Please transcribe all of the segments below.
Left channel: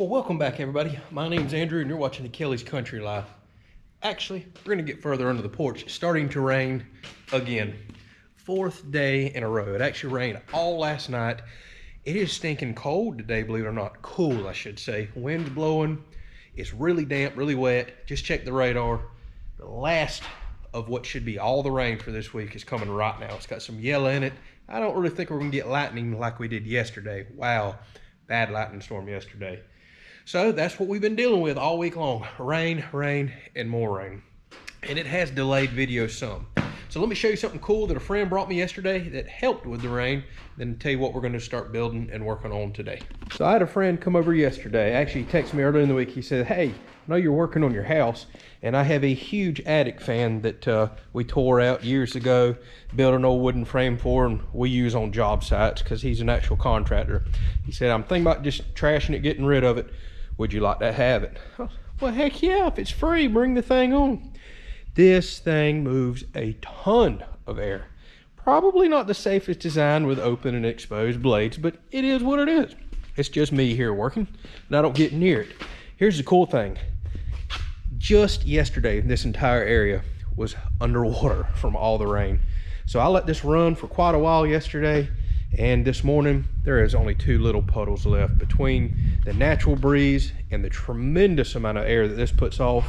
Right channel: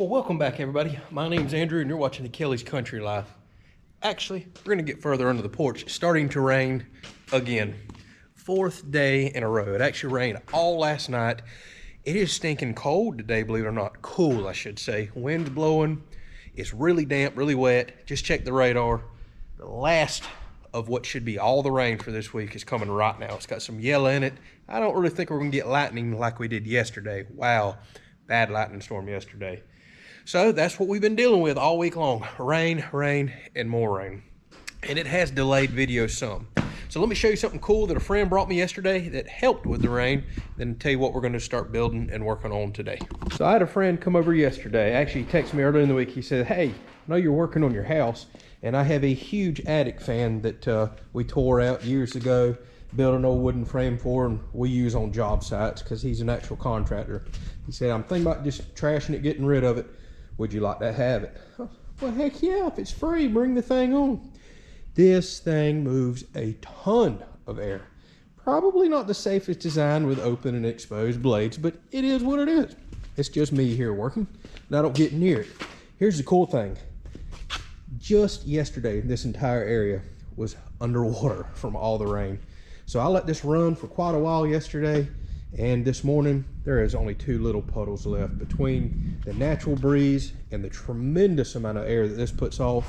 Well, welcome back, everybody. My name's Andrew, and you're watching the Kelly's Country Life. Actually, we're going to get further under the porch. It's starting to rain again. Fourth day in a row. It actually rained all last night. It is stinking cold today, believe it or not. Cool, I should say. Wind's blowing. It's really damp, really wet. Just check the radar. The last of what should be all the rain for this week is coming right now. It's got some yellow in it. I don't really think we're going to get lightning like we did yesterday. Wow, bad lightning storm yesterday. So that's what we've been dealing with all week long. Rain, rain, and more rain. And it has delayed videos some. So let me show you something cool that a friend brought me yesterday that helped with the rain, then tell you what we're going to start building and working on today. So I had a friend come over yesterday. Actually, he texted me earlier in the week. He said, hey, I know you're working on your house, and I have a huge attic fan that we tore out years ago, built an old wooden frame for, and we use on job sites because he's an actual contractor. He said, I'm thinking about just trashing it, getting rid of it. Would you like to have it? Well, heck yeah, if it's free, bring the thing on. This thing moves a ton of air. Probably not the safest design with open and exposed blades, but it is what it is. It's just me here working, and I don't get near it. Here's the cool thing. Just yesterday, this entire area was underwater from all the rain. So I let this run for quite a while yesterday, and this morning there is only two little puddles left. Between the natural breeze and the tremendous amount of air that this puts off,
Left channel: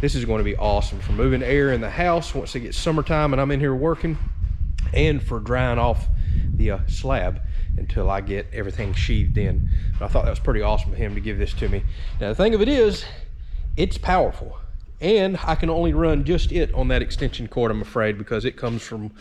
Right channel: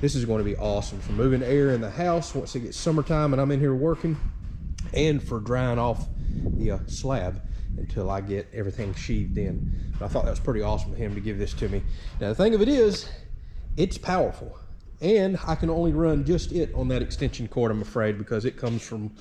this is going to be awesome for moving air in the house once it gets summertime and I'm in here working, and for drying off the slab until I get everything sheathed in. But I thought that was pretty awesome of him to give this to me. Now the thing of it is, it's powerful, and I can only run just it on that extension cord, I'm afraid, because it comes from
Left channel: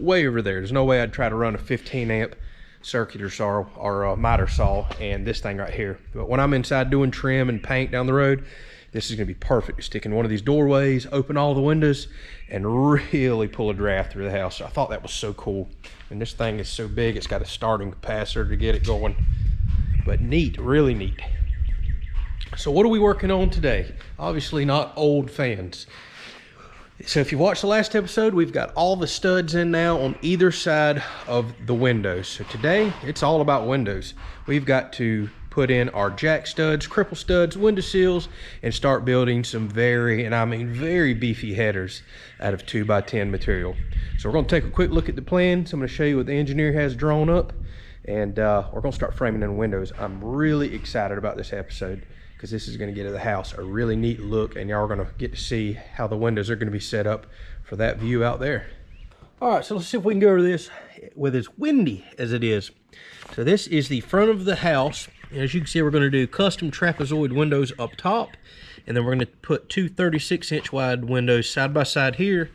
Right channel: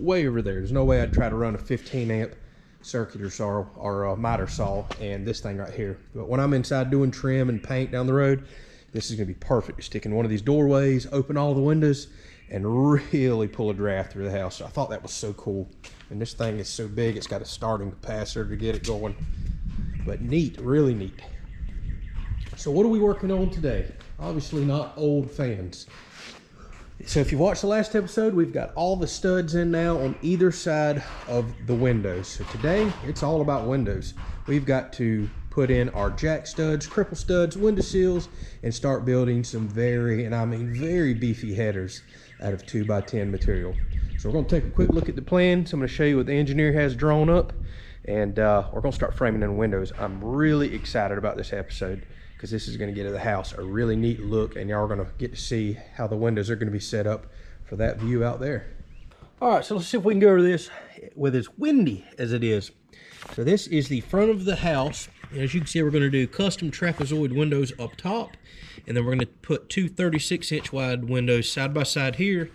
way over there. There's no way I'd try to run a 15 amp circular saw or a miter saw and this thing right here. But when I'm inside doing trim and paint down the road, this is going to be perfect to stick in one of these doorways, open all the windows, and really pull a draft through the house. So I thought that was so cool. And this thing is so big, it's got a starting capacitor to get it going. But neat, really neat. So what are we working on today? Obviously not old fans. So if you watched the last episode, we've got all the studs in now on either side of the windows. So today, it's all about windows. We've got to put in our jack studs, cripple studs, window seals, and start building some very, and I mean very beefy headers out of 2x10 material. So we're going to take a quick look at the plans. I'm going to show you what the engineer has drawn up, and we're going to start framing in windows. I'm really excited about this episode, because this is going to get the house a really neat look, and y'all are going to get to see how the windows are going to be set up for that view out there. All right, so let's see if we can go over this with as windy as it is. So this is the front of the house. As you can see, we're going to do custom trapezoid windows up top, and then we're going to put two 36-inch wide windows side by side here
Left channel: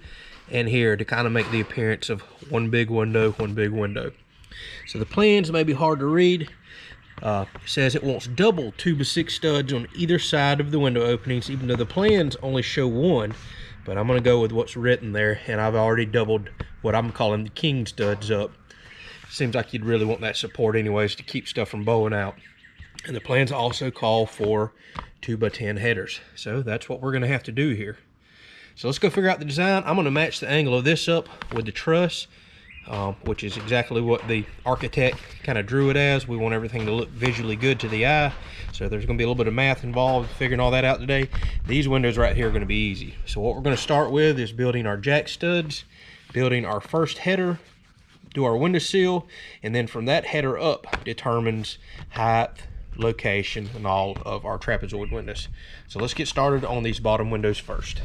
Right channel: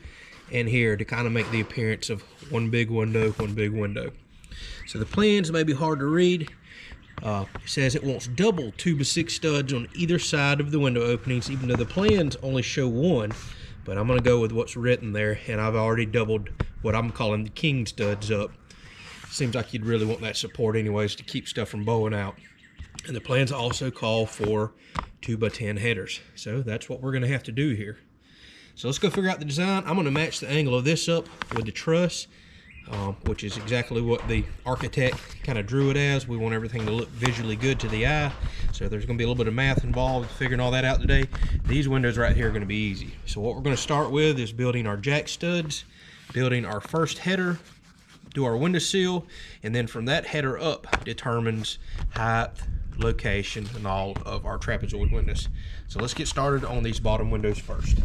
and here to kind of make the appearance of one big window, one big window. So the plans may be hard to read. It says it wants double 2x6 studs on either side of the window openings, even though the plans only show one. But I'm going to go with what's written there, and I've already doubled what I'm calling the king studs up. Seems like you'd really want that support anyways to keep stuff from bowing out. And the plans also call for 2x10 headers. So that's what we're going to have to do here. So let's go figure out the design. I'm going to match the angle of this up with the truss, which is exactly what the architect kind of drew it as. We want everything to look visually good to the eye. So there's going to be a little bit of math involved figuring all that out today. These windows right here are going to be easy. So what we're going to start with is building our jack studs, building our first header, do our window seal, and then from that header up determines height, location, and all of our trapezoid windows. So let's get started on these bottom windows first.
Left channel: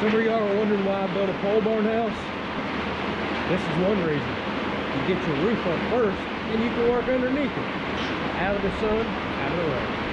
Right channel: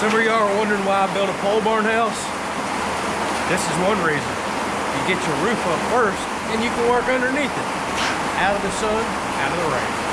Some of y'all are wondering why I built a pole barn house. This is one reason. You get your roof up first, and you can work underneath it. Out of the sun, out of the rain.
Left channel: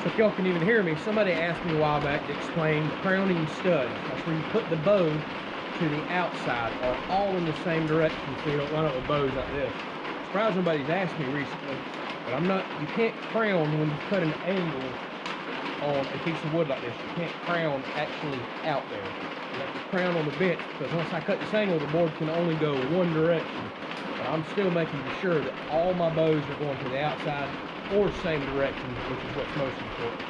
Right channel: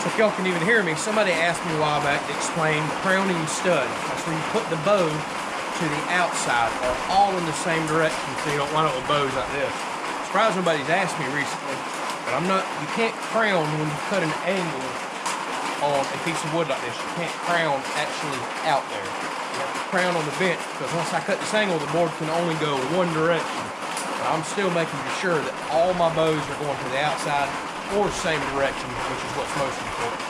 So if y'all can even hear me, somebody asked me a while back to explain crowning stud. That's where you put the bow to the outside or all in the same direction so you don't wind up with bows like this. I'm surprised nobody's asked me recently, but you can't crown when you cut an angle on a piece of wood like this. You can't crown actually out there. You have to crown on the bench because once I cut this angle, the board can only go one direction. But I'm still making sure that all my bows are going to the outside or same direction, which is what's most important.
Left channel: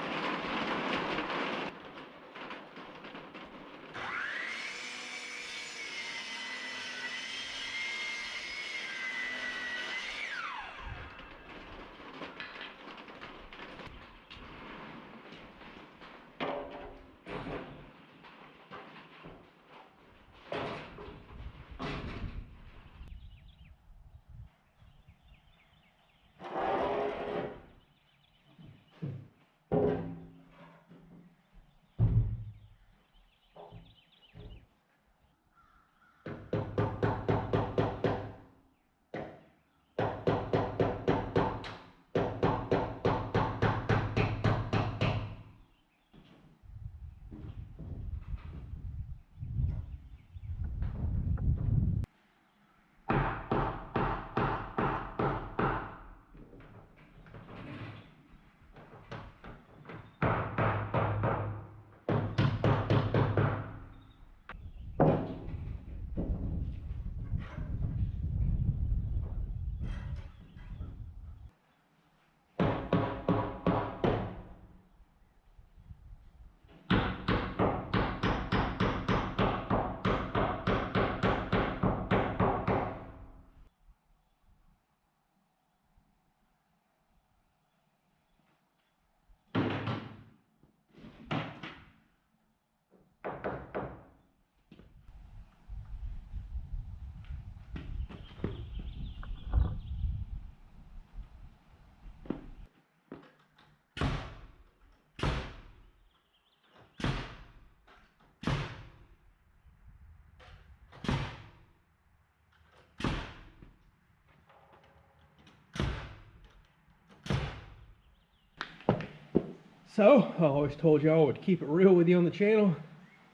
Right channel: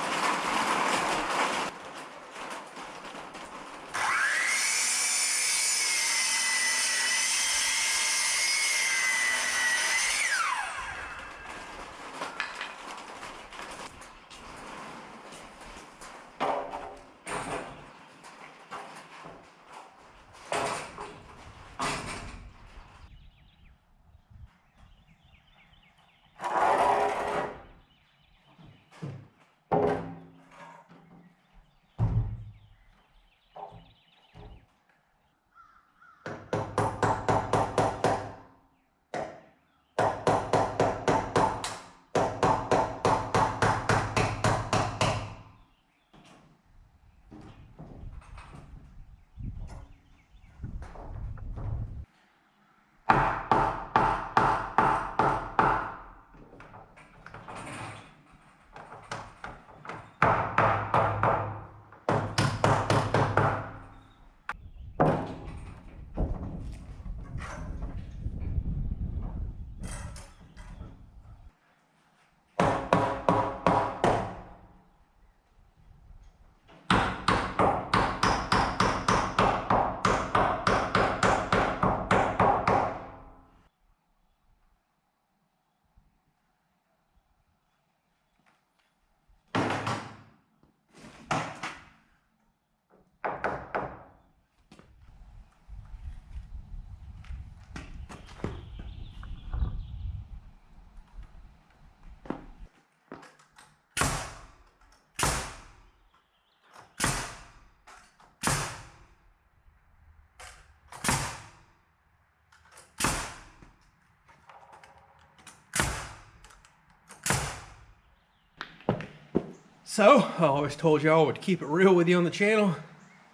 So, I always told y'all I would keep it real with you on the channel.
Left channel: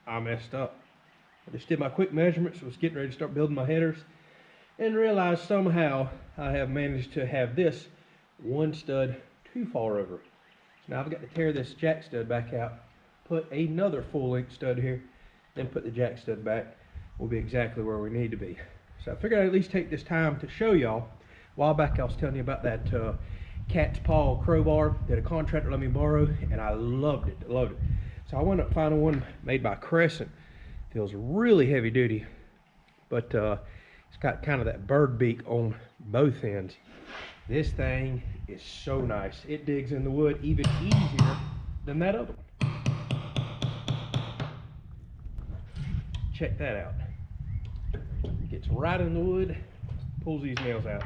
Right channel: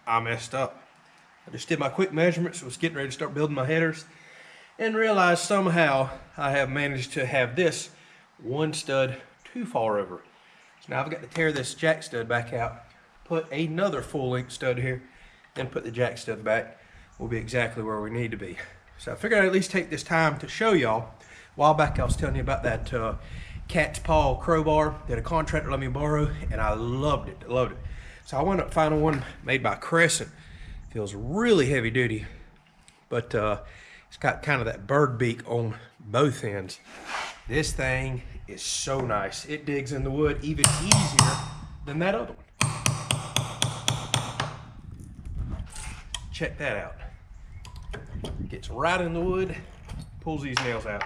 I messed up. I just did my quick measurements, was getting ready to start building my headers, and realized somehow I have managed to have this one stud too far over. So now I've got to tear this jack stud back out, put another full length stud here, then put the jack stud back. We'll be exactly where we need to be. So I figured I'd at least take this time to show y'all. A while back I was telling you about that cat's paw crowbar that a contractor let me borrow, and I loved it, So I wound up finding one made by Crescent. Feels really heavy duty, but it's got kind of that bird beak on both ends. This thing is so nice. It digs in the wood even easier than that other one. Check that out. Gets right in the wood, pulls these nails out.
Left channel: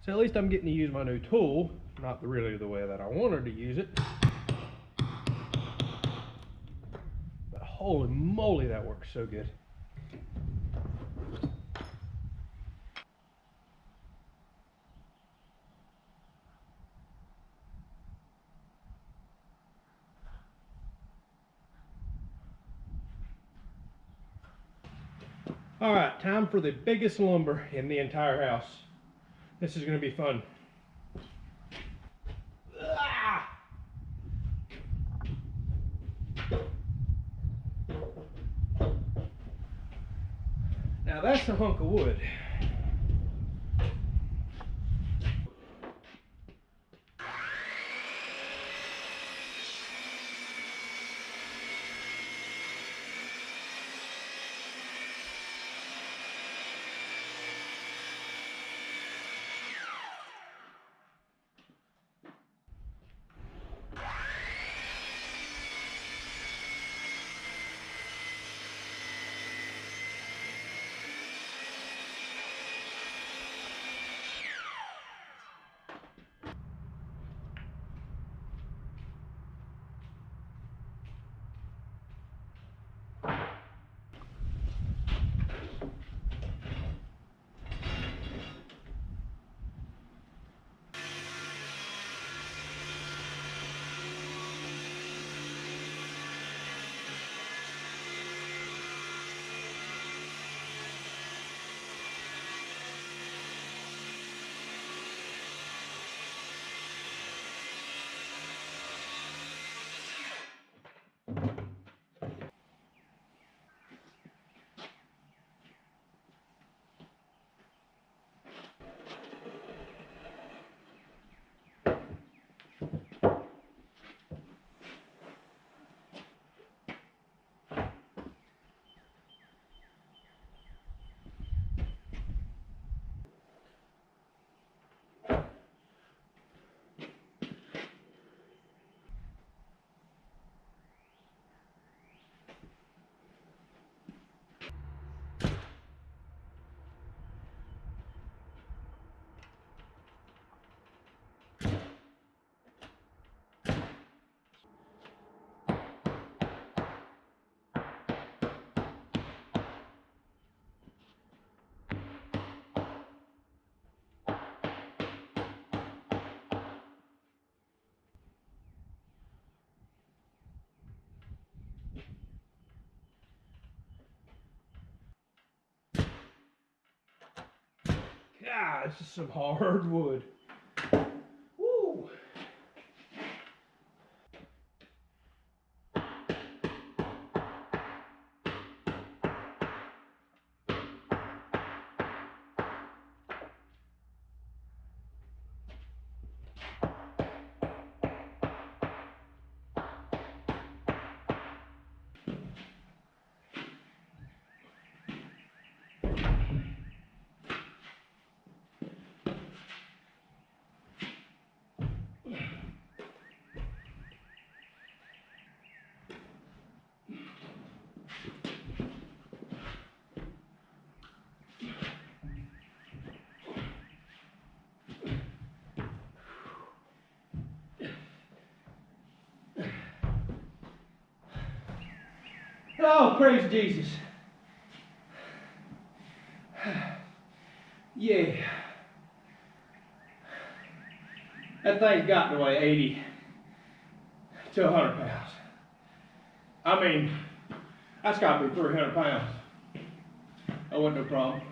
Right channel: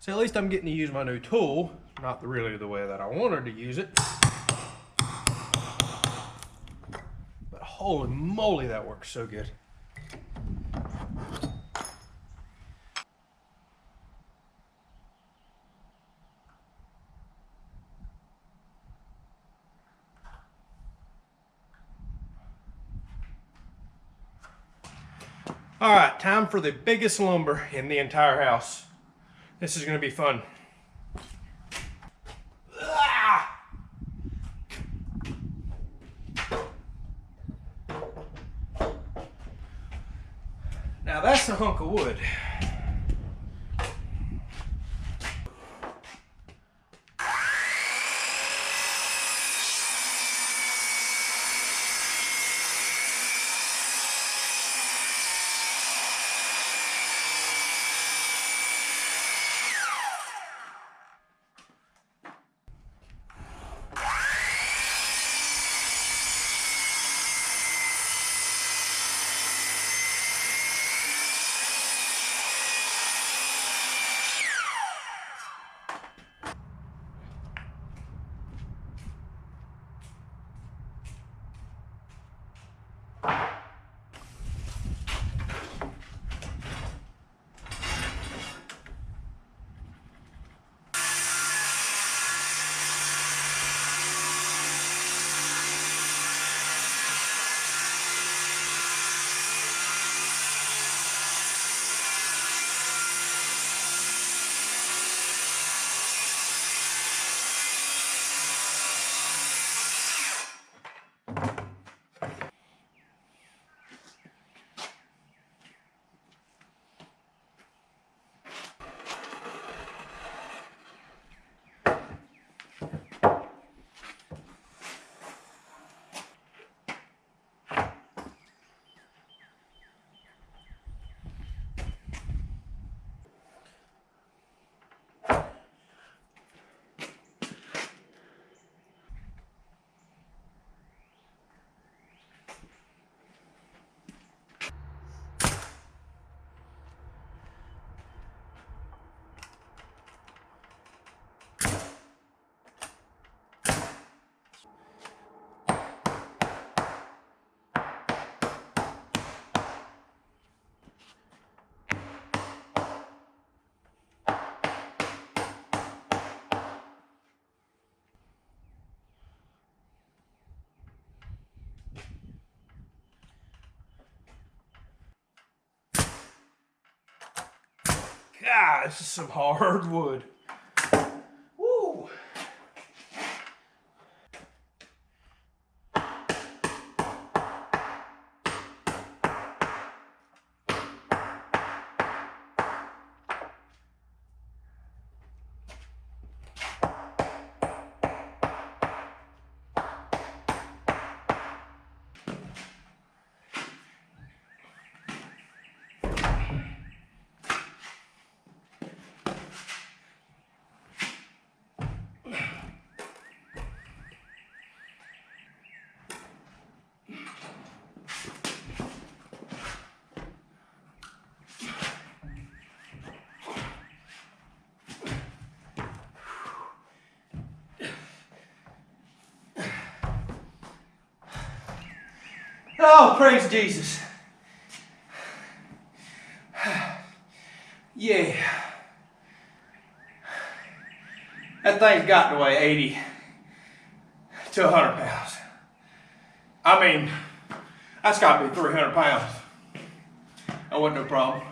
So at least I'm getting to use my new tool, not really the way that I wanted to use it. But holy moly, that works so good. All right, time for the biggest lumber in the entire house. This is gonna be fun. Now that's a hunk of wood. God, this is some hard wood. Woo! Oh, praise Jesus. Yeah. That thing's got to weigh 80 to 100 pounds. I mean, that's got to be 300 pounds. That wasn't no problem.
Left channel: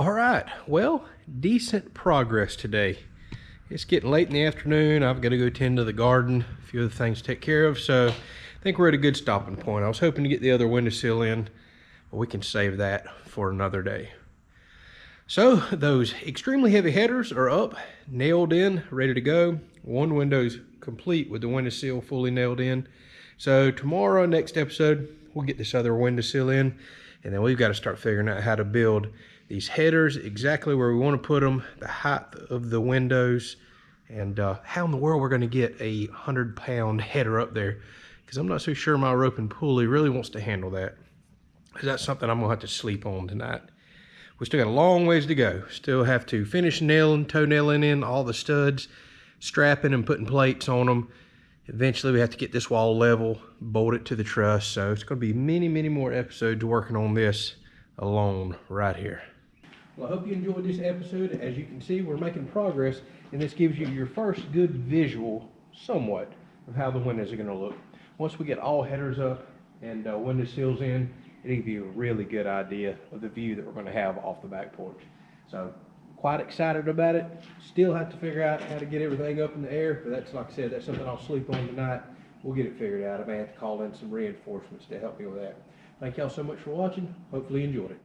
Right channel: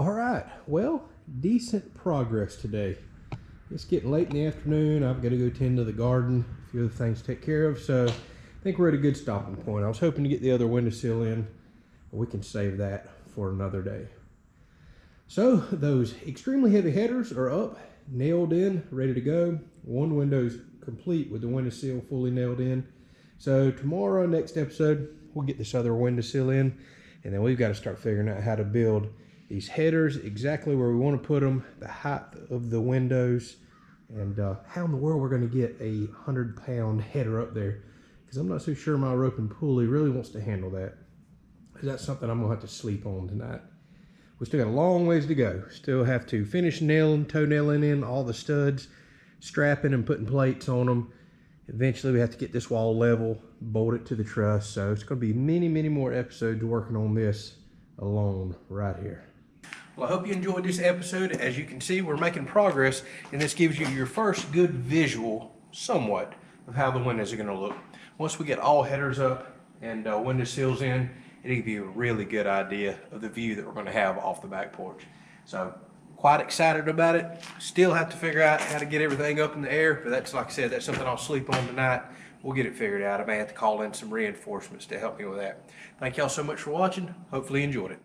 All right, well, decent progress today. It's getting late in the afternoon. I've got to go tend to the garden, a few other things to take care of, so I think we're at a good stopping point. I was hoping to get the other windowsill in, but we can save that for another day. So those extremely heavy headers are up, nailed in, ready to go. One window's complete with the windowsill fully nailed in. So tomorrow, next episode, we'll get this other windowsill in, and then we've got to start figuring out how to build these headers exactly where we want to put them, the height of the windows, and how in the world we're going to get a 100-pound header up there, because I'm not so sure my rope and pulley really wants to handle that, because that's something I'm going to have to sleep on tonight. We still got a long ways to go. Still have to finish nailing, toe nailing in all the studs, strapping and putting plates on them. Eventually we have to get this wall level, bolt it to the truss, so it's going to be many, many more episodes working on this alone right here. Well, I hope you enjoyed this episode. As you can see, we're making progress, and this gives you your first good visual, somewhat, of how the windows are going to look. Once we get all headers up and window sills in, it'll give you a really good idea of the view that we're going to have off the back porch. So, quite excited about it. Still have to figure out how to get everything up in the air, but that's, like I said, that's something I'll sleep on tonight. We'll get it figured out. I may have to call in some reinforcements to help me with that. Thank y'all so much for watching. Hopefully you enjoyed it.